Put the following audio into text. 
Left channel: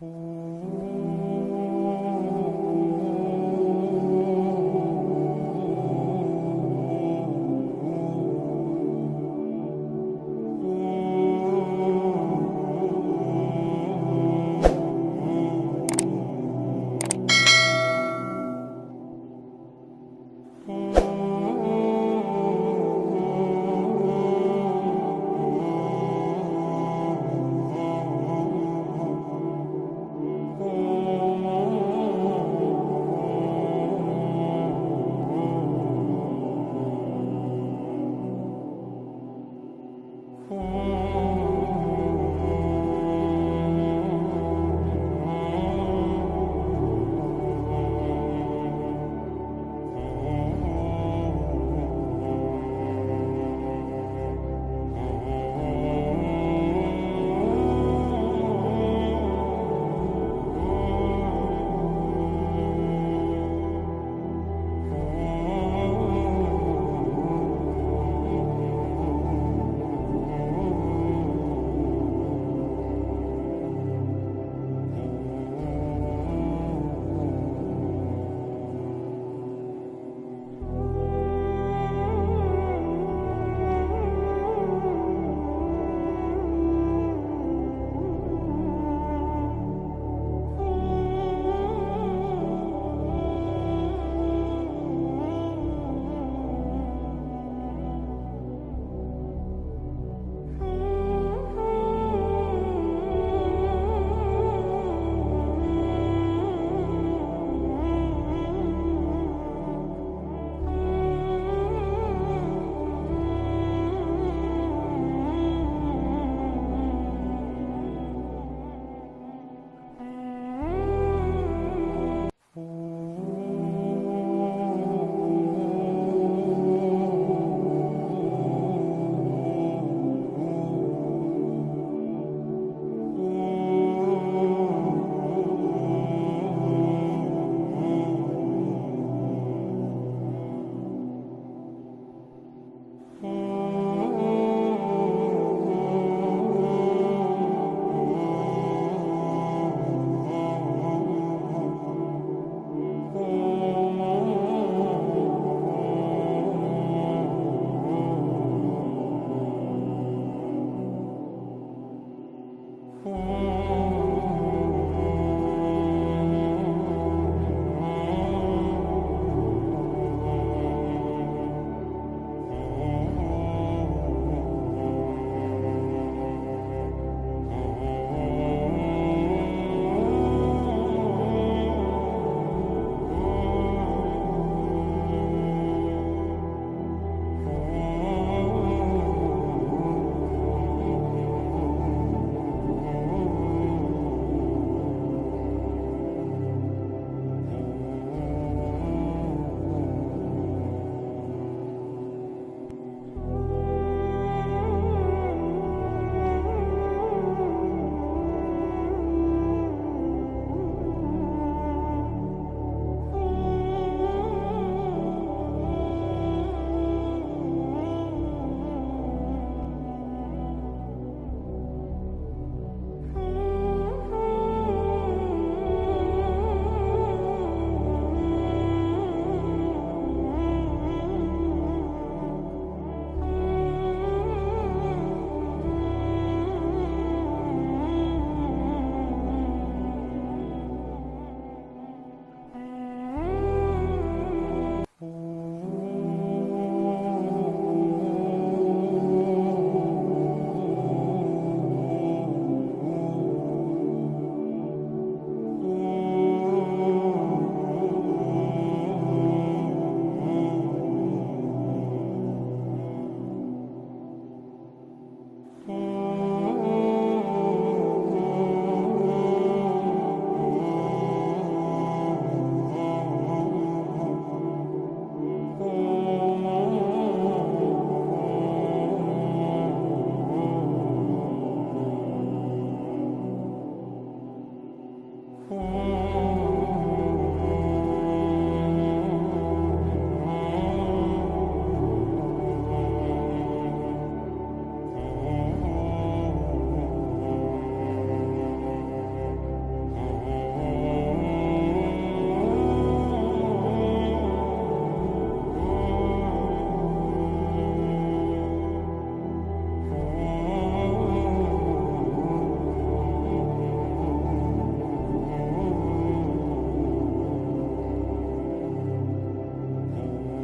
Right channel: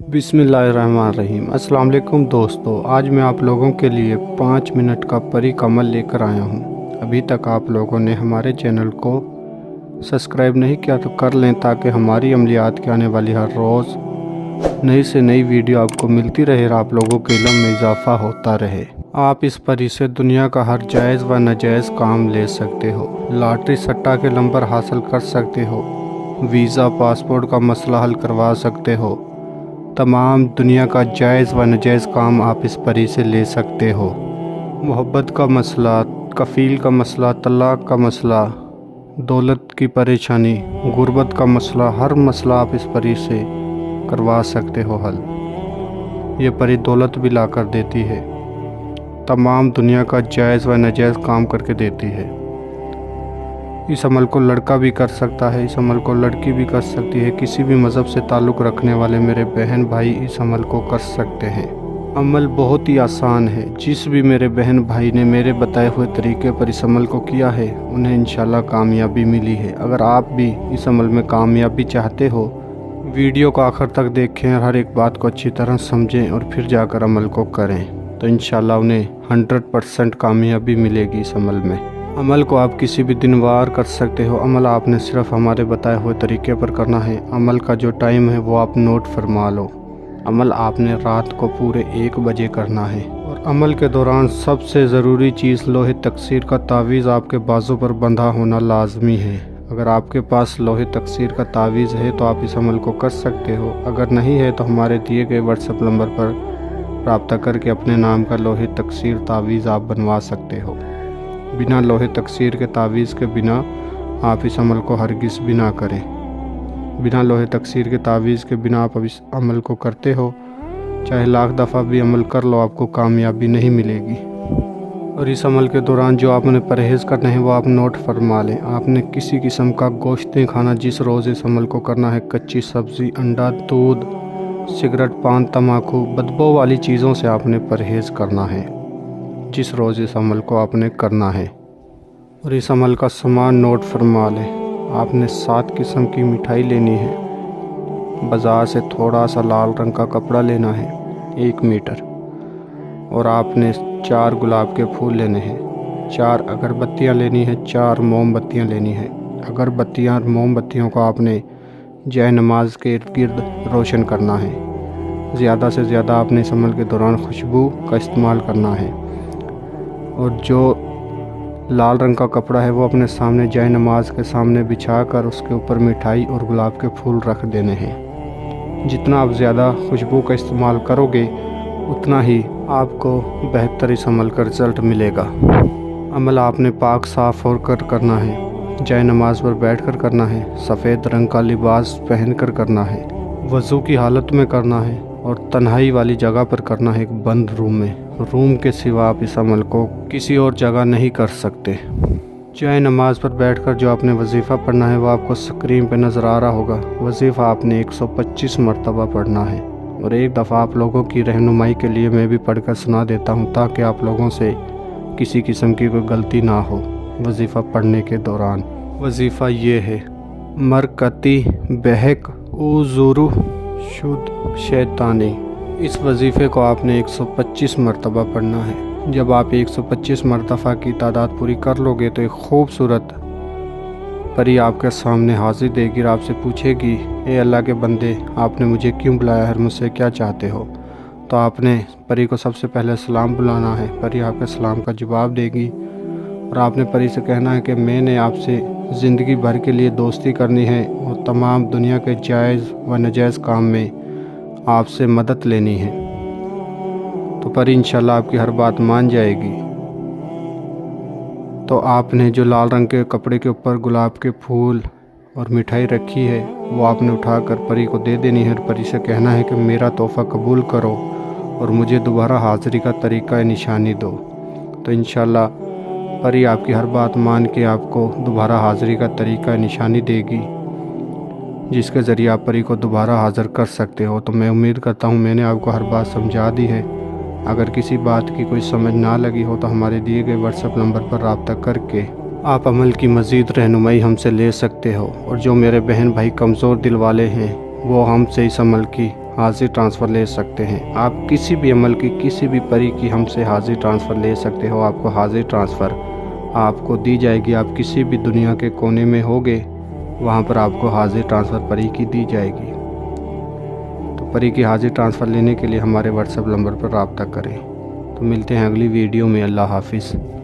बिस्मिल्लाहिर्रहमानिर्रहीम। अस्सलाम वालेकुम दोस्तों, आज मैं आप लोगों के लिए 5 मिनट का परी का अमल लेकर आया हूँ। अभी तक आप लोगों ने हमारे चैनल को सब्सक्राइब नहीं किया तो कर लें, ताकि हमारी अमलियात की आने वाली हर रोज़ नई से नई वीडियो आपको मिलती रहे और आप लोगों के इल्म में इजाफ़ा होता रहे। आप इस परी से दुनिया का हर जायज़ व नाजायज़ काम ले सकते हो, लॉटरी सट्टा के नंबर हासिल कर सकते हो, वीज़ा पासपोर्ट का मसला हल करवा सकते हो, तमाम दुनिया का जायज़ व नाजायज़ काम आप इस परी से ले सकते हो। मोहब्बत का मसला, कफ़ील का मसला, तलाक़ का मसला, दौलत की परेशानी, गुर्बत का मसला, हर मसला आप इस परी से करवा सकते हो हल। ये परी दौलत भी ला कर देती है, तमाम दुनिया का जायज़ व नाजायज़ काम करके देती है। इस अमल को लड़का भी कर सकता है, इस अमल को लड़की भी कर सकती है। किसी भी मज़हब से ताल्लुक़ रखने वाले मेरे बहन भाई इस अमल को कर सकते हैं। अमल बहुत ही आसान है। जिस भी मेरे बहन भाई ने मेरे बताए हुए तरीके पर इस अमल को किया है, उन्हें इंशाल्लाह कामयाबी मिली है। अगर आप भी इस अमल में कामयाबी चाहते हो, वीडियो को आखिर तक देखें और हर एक बात को अच्छी तरह समझें और फिर जाकर अमल को करें, तो इंशाल्लाह उन्हें 100% कामयाबी मिलेगी इस अमल में। अमल को आप किसी भी दिन वार कर सकते हो। अमल आपने सिर्फ हमारे बताए हुए तरीके पर करना है। अमल का जो टाइम है वो आप नोट फरमा लो। अमल आपने रात को पूरे 1 बजे करना है। और अमल के दौरान सबसे ज़रूरी चीज़ लोहे तकसीर का तावीज़ आपके बाजू पर बंधा होना लाजमी है। अगर आपके पास लोहे तकसीर का तावीज़ है तो आप इस अमल को कर सकते हो। अगर नहीं है तो हमारे दिए गए व्हाट्सएप नंबर पर रब्ता करके अपने नाम का लोहे तकसीर तावीज़ आप बनवा सकते हो। बिना लोहे तकसीर के तावीज़ के बिना आप इस अमल को हरगिज़ भी ना करें। बिना लोहे तकसीर के तावीज़ के बिना आप इस अमल को करते हो, चाहे लाख दफ़ा भी अमल कर लो, आपको कामयाबी नहीं मिलेगी। और इस अमल के दौरान जो आपने परहेज़ करना है वो आप नोट फरमा लें। आपने किसी किस्म का गोश्त नहीं खाना जिस रोज़ इस अमल को करना है। कच्ची सब्ज़ी, अंडा, दूध, सिगरेट, पान, तम्बाकू, बदबू वाली चीज़ों से आपने परहेज़ करना है जिस रोज़ इस अमल को आपने करना है। और इस अमल का सामान नोट फरमा लें। आपने 7 किस्म की मिठाई लेनी है। बाज़ार से थोड़ा सा लाल रंग का कपड़ा लेना है 1 मीटर। और आपने 4 गुलाब के फूल लेने हैं। 4 अगरबत्तियाँ लेनी है, 4 मोमबत्तियाँ लेनी है। अगरबत्तियाँ और मोमबत्तियों को आपने जय नमाज के इर्द गिर्द रोशन करना है। ज़्यादा से ज़्यादा आपने इस अमल के दौरान खुशबू का इस्तेमाल करना है। और जो लाल रंग का कपड़ा है वो अपने सामने जय नमाज के सामने बिछाकर उसके ऊपर मिठाई और गुलाब के फूल रख देने हैं। जितना आप ज़्यादा खुशबू का इस्तेमाल करोगे उतना ही आपको बेहतर इस अमल का रिज़ल्ट मिलेगा। अमल आपने पाक साफ़ होकर करना है, जय नमाज पर बैठकर करना है, सफ़ेद रंग का लिबास पहनकर करना है, वज़ू की हालत में करना है और तन्हाई वाली जगह पर करना है, एक बंद रूम में। रूम के सिवा आप इस अमल को किसी और जगह नहीं कर सकते। जय नमाज पर बैठकर जो आपने वजीफ़ा पढ़ना है वो आपको स्क्रीन पे नज़र आ रहा होगा। वजीफ़ा आपने 125 मरतबा पढ़ना है। और एक दफ़ा आप लोगों की रहनुमाई के लिए मैं भी पढ़कर सुना देता हूँ, ताकि आप लोगों से किसी किस्म की कोई गलती ना हो वजीफ़ा पढ़ने के दौरान। वजीफ़ा ये है: मरकती बहक उज़ुरु शुद्ध शैतानी। इस वजीफ़े को आपने 125 मरतबा पढ़ना है। जब आप 125 मरतबा की तादाद पूरी कर लोगे तो एक खूबसूरत परी आपके सामने हाजिर देगी और आपसे पूछेगी, ए अल्लाह के बंदे, आपने मुझे क्यों बुलाया है, मुझसे क्या चाहते हो? तो आपने परी को सबसे पहले सलाम बुलाना है। परी आपके सलाम का जवाब देगी और आपने परी से कहना है कि मैंने आपसे ज़िंदगी भर के लिए दोस्ती करनी है और तमाम दुनिया के जायज़ व नाजायज़ काम में आपसे मदद लेनी है। तो परी इंशाल्लाह आपकी हर बात मान जाएगी। तो आपने जो लाल रंग के कपड़े के ऊपर गुलाब के फूल और मिठाई रखी है वो आपने उठाकर परी को दे देनी है और परी से कहना है कि मेरा तोहफ़ा कबूल करो और मुझे दोबारा हाज़िरी का तरीक़ा निशानी दो। तो इंशाल्लाह परी आपकी हर बात मान के आपको दोबारा हाज़िरी का तरीक़ा निशानी देगी, जिसके ज़रिए आप परी को दोबारा हाज़िर कर सकते हो। तो मैं उम्मीद करता हूँ मैंने आपको हर बात समझा दी है। अगर किसी बात की कोई समझ ना लगी हो तो हमारे दिए गए व्हाट्सएप नंबर पर रब्ता करके आप अमल की मज़ीद रहनुमाई हमसे ले सकते हो। और जो मेरे बहन भाई कमज़ोर दिल वाले हैं वो हमसे इस अमल की हाजिर ट्रांसफ़र ले सकते हैं। आप किसी भी अमल की, किसी भी परी की हमसे हाजिर ट्रांसफ़र ले सकते हो। आपको हाजिर ट्रांसफ़र आपको दी जाएगी। आप किसी भी दुनिया के कोने में होगे, वहाँ पर आपको हाजिर ट्रांसफ़र परी की दी जाएगी। तो परी की हाजिर ट्रांसफ़र लेने के लिए हमारे व्हाट्सएप नंबर पर रब्ता करें। तो मिलते हैं अगली वीडियो में। अल्लाह हाफिज़।